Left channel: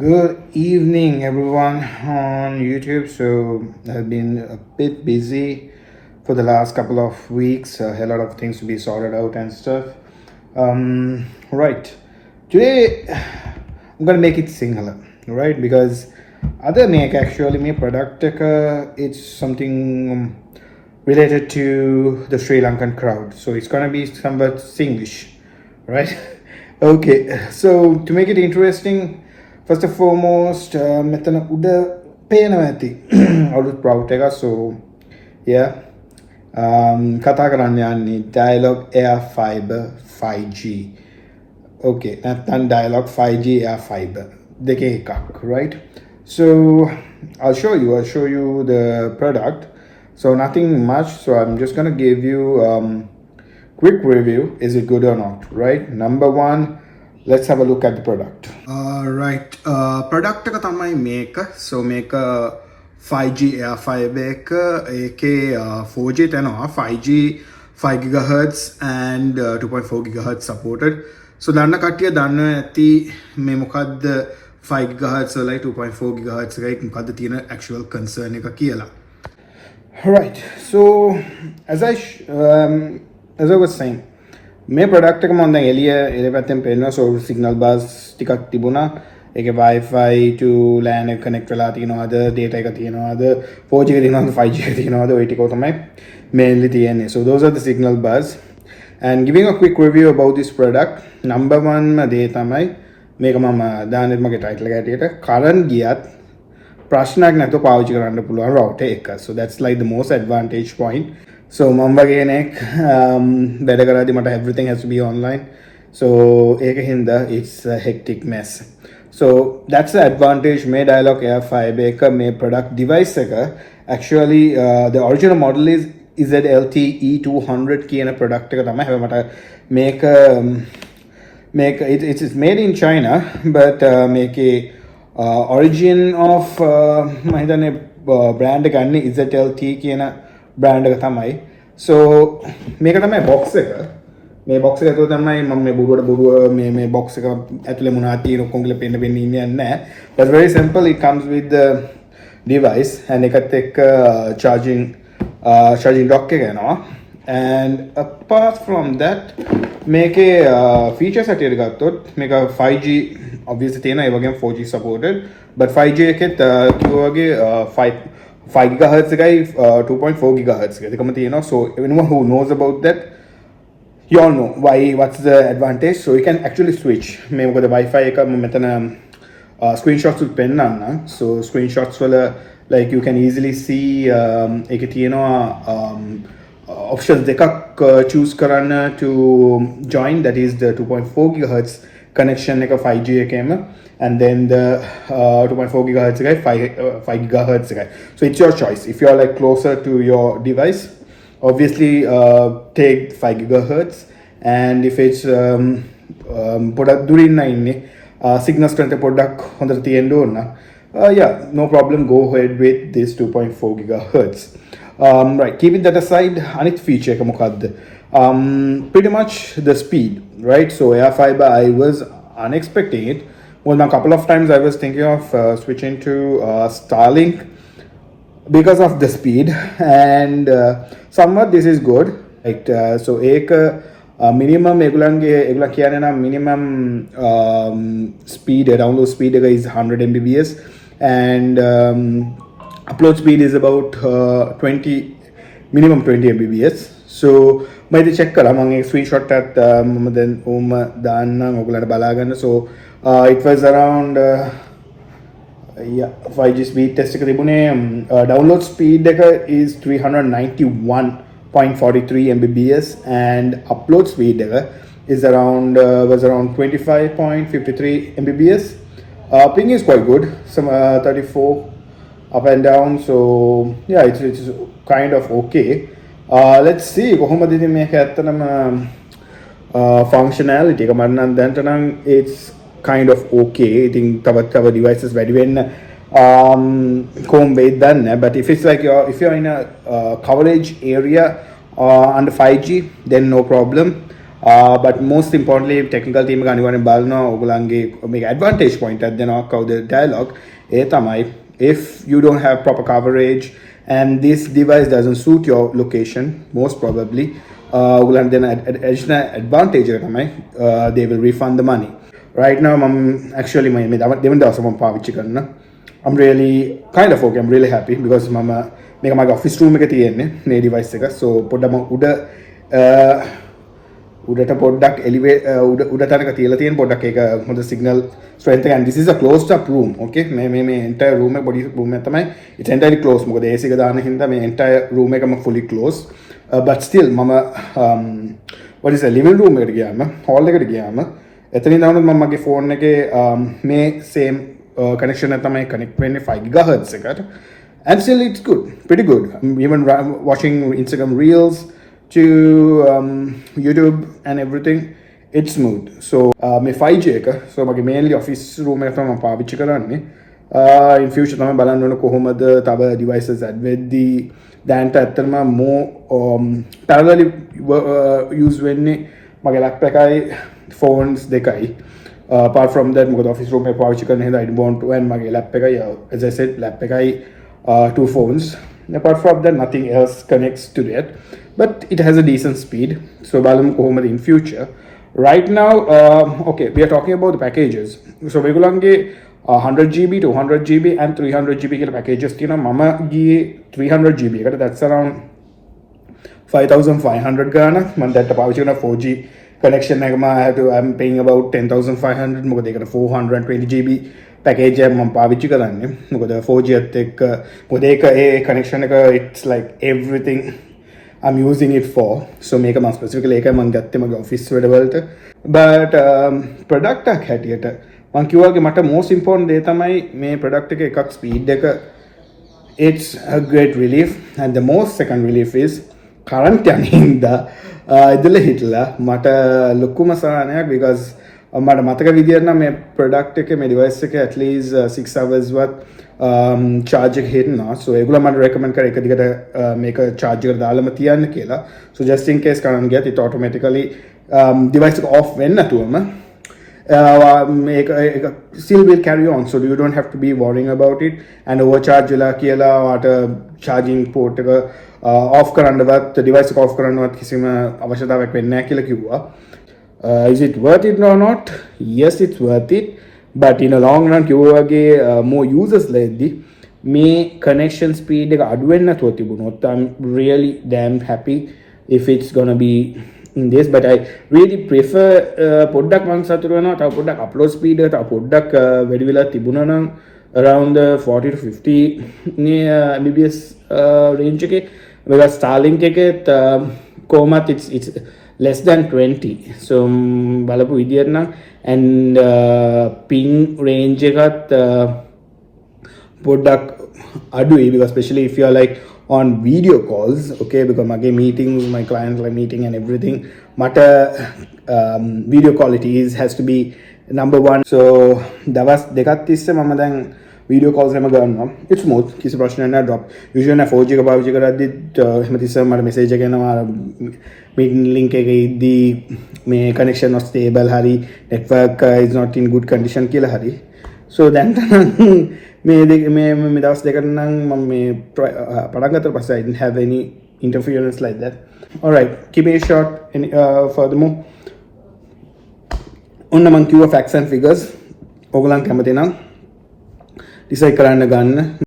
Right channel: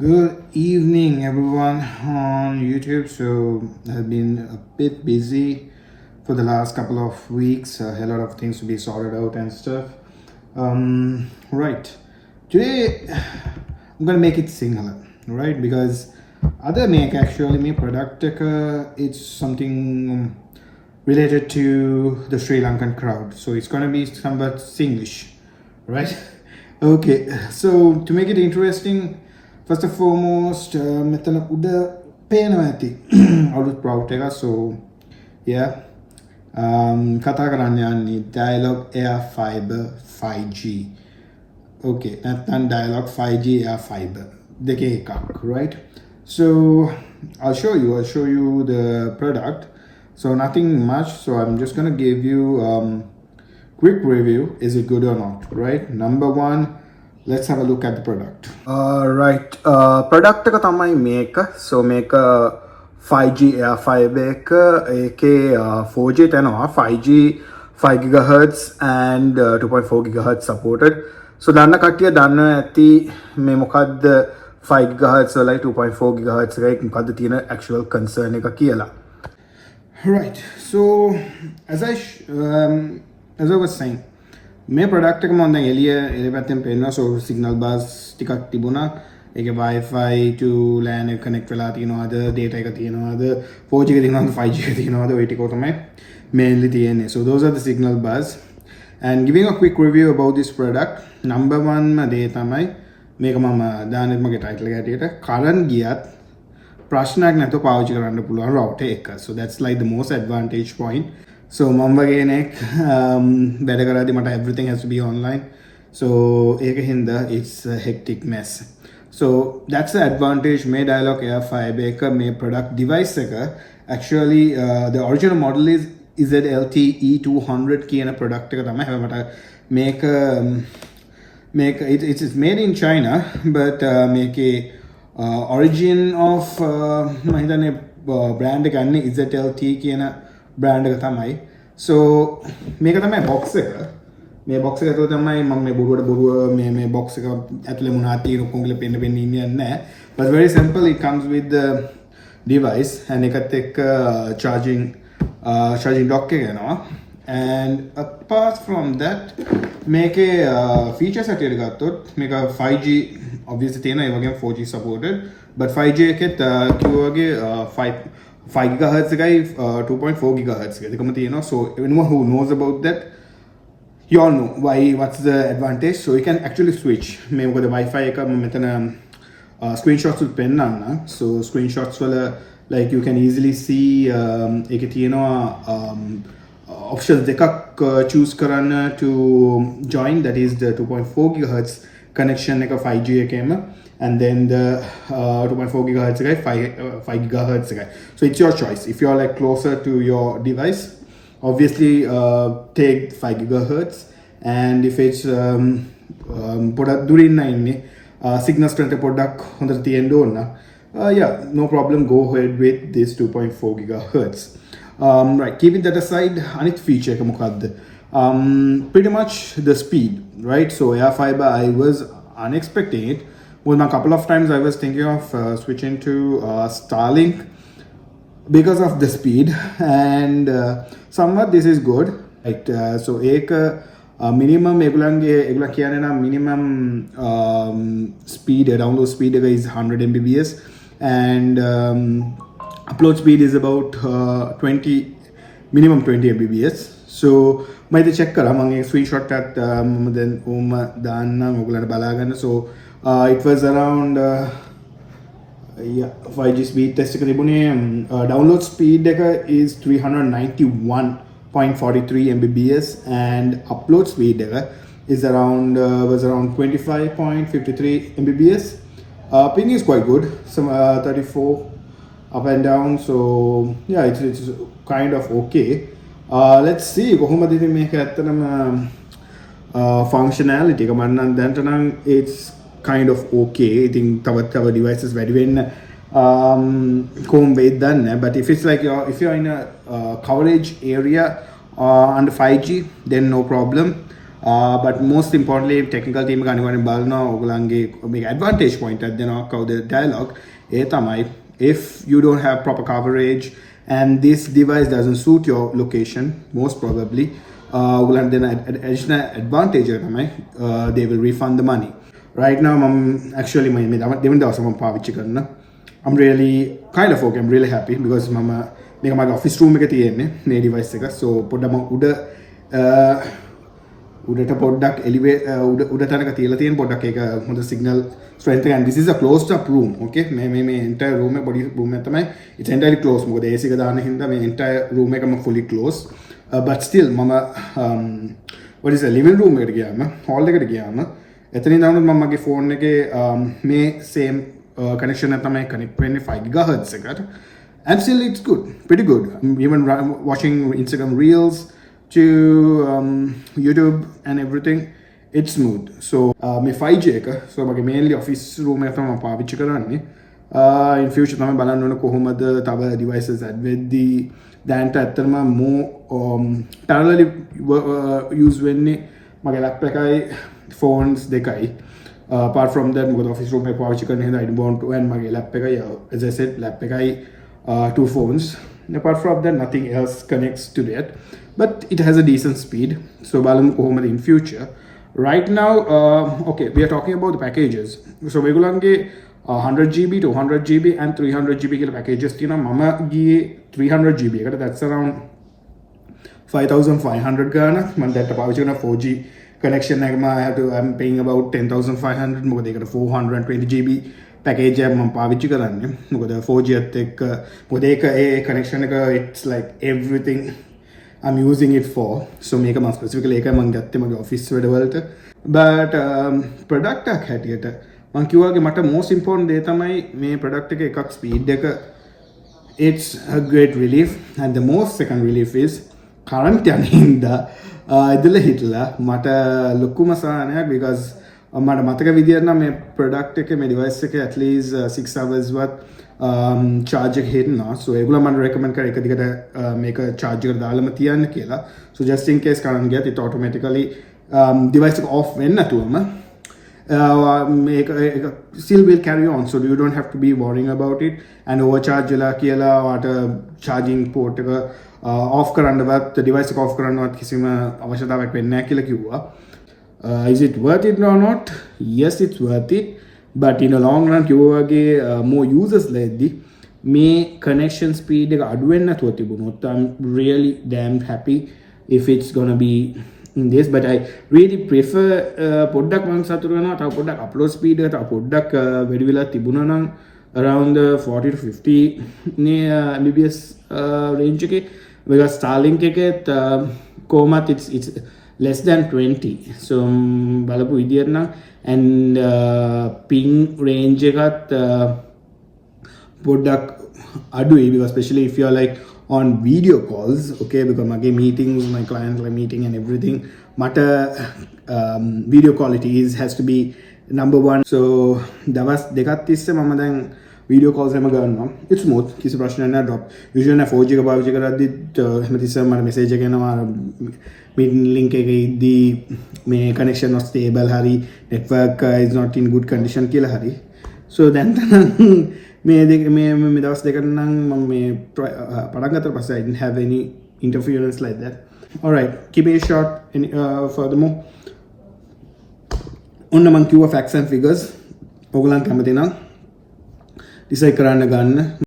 Good evening, everyone on YouTube. So, I've been a bit busy for the last couple of weeks. A lot of things to be sorted out and stuff. Right. Today, I'm gonna make it singular, right? Because other make actually me product it's something related to the Sri Lankan crowd. So it's gonna be somewhat Singlish, right? Okay. So to make it interesting. First and foremost, මෙතන උඩ පේනවා ඇති අලුත් ප්‍රවුට් එක. So yeah, කතා කරන්න යන්නේ Dialog Air Fiber 5G. Okay, නැත්නම් Dialog 5G Air Fiber දෙකේ එකක්, right? So I'll show you the product. So nothing much. So I'm just gonna give you quick review. Is it good or not, right? Number one, let's have a look at the product. Right. Product එක තමයි මේක. So මේක 5G Air Fiber එක ඒකේ 4G තනවා 5G 5 GHz and 2.4 GHz supported. So දන්න කට්ටිය දන්න ඇති මේ මොකද්ද 5 GHz වලයි 2.4 GHz එකයි මොකද්ද තියෙන actual concern එක කියලා. Right. So as I was saying, මේ ප්‍රොඩක්ට් එක මම දැන් එළිය පැත්තෙන් පෙන්නනවා. So signal bus ටිකක් තිබුණා. ඒකේ Wi-Fi to LAN එක connect වෙලා තියෙනවද, data එක තියෙනවද, 4G එක තියෙනවද, 5G එක තියෙනවද, ඔය ටික තමයි mainly තියෙන්නේ. So those are the signal bus. And giving a quick review about this product, number one දේ තමයි මේක මම දාන්නෙත් මගේ title එක ඇටියට current ගියත් ප්‍රශ්නයක් නැතුව පාවිච්චි කරන්න පුළුවන් router එක. So that's like the most advantage point. So මම වගේ කෙනෙක් වැඩ කරද්දි මට everything has to be online. So ඒක හින්දා it's a hectic mess. So that's the advantage මේ Dialog Air Fiber එක මේ product device එක actually the original model is EZLT E200 කියන product එක තමයි. හැබැයි මට මේක it's made in China but මේකේ origin of මම හිතන්නේ brand එක ගන්නේ EZLT කියන brand එක තමයි. So මේක තමයි box එක. මේ box එක ඇතුළේ තමයි මම මේ බොරුවට මේ box එක ඇතුළේ මොනවද තියෙන ඔක්කොම කියලා පෙන්න ඉන්නේ නැහැ. But very simple, it comes with the device and එකත් එක්ක charging dock එක එනවා. And apart from that මේකේ features හැටියට ගත්තොත් මේක 5G obviously තියෙනවා, ඒ වගේම 4G supported. But 5G එකෙත් කිව්වාගේ 5 GHz එකයි 2.4 GHz එක දෙකම තියෙනවා. So anyone who knows about that, you all know what's the advantage. So you can actually switch. මේ මොකද Wi-Fi එක මම මෙතන screenshots උත් පෙන්නන්න. So screenshots වල like you can easily see ඒකේ තියෙනවා options දෙකක් choose කරන්න to join, that is the 2.4 GHz connection එක 5G එකේම and then the 2.4 GHz guy 5 GHz guy. So it's your choice. If you're like closer to your device, obviously take 5 GHz, and if it's product during signal strength product හොඳට තියෙන්න ඕන, yeah, no problem, go ahead with this 2.4 GHz. Right, keeping that aside, අනිත් feature එක මොකද්ද? Pretty much the speed, right? So Air Fiber, I was unexpecting it. Well, a couple of times I was thinking of switching to Starlink because of the speed, and somewhat this is good. Like so, ek minimum egula kiyane na minimum speed, download speed is 100 Mbps, and upload speed is about 20 minimum 20 Mbps. So मैं इधर check करा मंगे screenshot at then दाना मोगला बाला gun. So it was around 5G speed test එක තිබුණේ download speed එක is 391.43 Mbps and upload speed එක is was around 25.53 Mbps. Ping is quite good, some 34 up and down. So yeah, it's kind of okay. Let's see කොහොමද ඉතින් මේක ඇත්තටම functionality එක මම නම් දැනට නම් it's kind of okay. I think තව devices වැඩි වෙන්න කොහොම වෙයිද දන්නේ නැහැ. But if it's like if you're in a coverage area under 5G, then no problem. but most importantly technical team එක අනිවාර්යෙන් බලනවා ඔයගොල්ලන්ගේ මේක advantage point එකක් දෙනවා කවුද dialogue ඒ තමයි if you don't have proper coverage and this device doesn't suit your location most probably ඔයගොල්ලන් දෙන additional advantage එක තමයි they will refund the money right now මම actually මේ දෙවන දවසේ මම පාවිච්චි කරනවා I'm really kind of okay I'm really happy because මම මේක මගේ office room එකේ තියෙන්නේ මේ device එක so පොඩ්ඩම උඩට පොඩ්ඩක් උඩ තැනක තියලා තියෙන පොඩ්ඩක් ඒක හොඳ signal strength එක and this is a closed up room okay මේ entire room එක body room එක තමයි it's entirely closed මොකද AC එක දාන්න හින්දා මේ entire room එකම fully closed but still මම what is a living room එකට ගියාම hall එකට ගියාම එතනින් දානොත් මම මගේ phone එකේ මේ same connection එක තමයි connect වෙන්නේ 5 GHz එකට and still it's good pretty good I'm even watching Instagram reels to YouTube and everything it's smooth so මේ 5G එක so මගේ mainly office room එක තමයි මම පාවිච්චි කරන්නේ in future තමයි බලන්න ඕන කොහොමද තව devices add වෙද්දී දැන්ට ඇත්තටම more parallelly use වෙන්නේ මගේ laptop එකයි phones දෙකයි apart from that මොකද office room එක පාවිච්චි කරන හින්දා I don't want to and මගේ laptop එකයි as I said laptop එකයි two phones apart from that nothing else connects to that but it has a decent speed so බලමු කොහොමද in future right now okay we are talking about the packages so මේගොල්ලන්ගේ 100GB 200GB and 300GB කියලා packages තියෙනවා මම ගියේ 300GB එකට that's around 5500 ගානක් මම දැක්ක පාවිච්චි කරන 4G connection එකම I'm paying about 10500 මොකද ඒකට 420GB package එක මම පාවිච්චි කරන්නේ මොකද 4G එකත් එක්ක මොකද ඒක ඒ connection එක it's like everything I'm using it for so මේක මම specifically ඒකයි මම ගත්තේ මගේ office වැඩවලට but product එකක් හැටියට මම කිව්වාගේ මට most important දේ තමයි මේ product එකේ එකක් speed එක it's a great relief and the most second relief is current යන හින්දා ඉදල හිටලා මට ලොකුම සහනයක් because මට මතක විදියට නම් මේ product එකේ මේ device එකේ at least 6 hours වත් charge එක හිටිනවා so ඒගොල්ලෝ මට recommend කරා එක දිගට මේක charge එකට දාලම තියන්න කියලා so just in case කරන් ගියත් it automatically device එක off වෙන්නේ නැතුවම මේක still will carry on so you don't have to be worrying about it and overcharge වෙලා කියලා වාට charging port එක off කරන්නවත් device එක off කරන්නවත් කිසිම අවශ්‍යතාවයක් වෙන්නේ නැහැ කියලා කිව්වා is it worth it or not yes it's worth it but in a long run කිව්වාගේ more users ලෙද්දි මේ connection speed එක අඩු වෙන්නේ නැතුව තිබුණොත් I'm really damn happy if it's gonna be in this but I really prefer පොඩ්ඩක් මම සතුටු වෙනවා තව පොඩ්ඩක් upload speed එක තව පොඩ්ඩක් වැඩි වෙලා තිබුණා නම් around 40 to 50 නේ Mbps range එකේ because Starlink එකත් කොහොමත් it's less than 20 so බලපු විදියට නම් and ping range එකත් පොඩ්ඩක් අඩුයි because especially if you are like on video calls okay because mage meetings my client like meeting and everything mata video quality has to be number one so dawas dekat tisse mama dan video calls ema gannawa it's smooth kisi prashna na drop usually na 4G ka pawichi karaddi ehma tisse mara message එක එනවා meeting link එකේ ඉද්දි මේ connection not stable hari network is not in good condition කියලා hari so then මේ දවස් දෙකට නම් මම මේ පටන් ගත්තට පස්සේ I didn't have any interference like that all right keep it short and furthermore ඔන්න මම කිව්ව facts and figures ඕගොල්ලන් කැමති නම් decide කරන්න ගන්න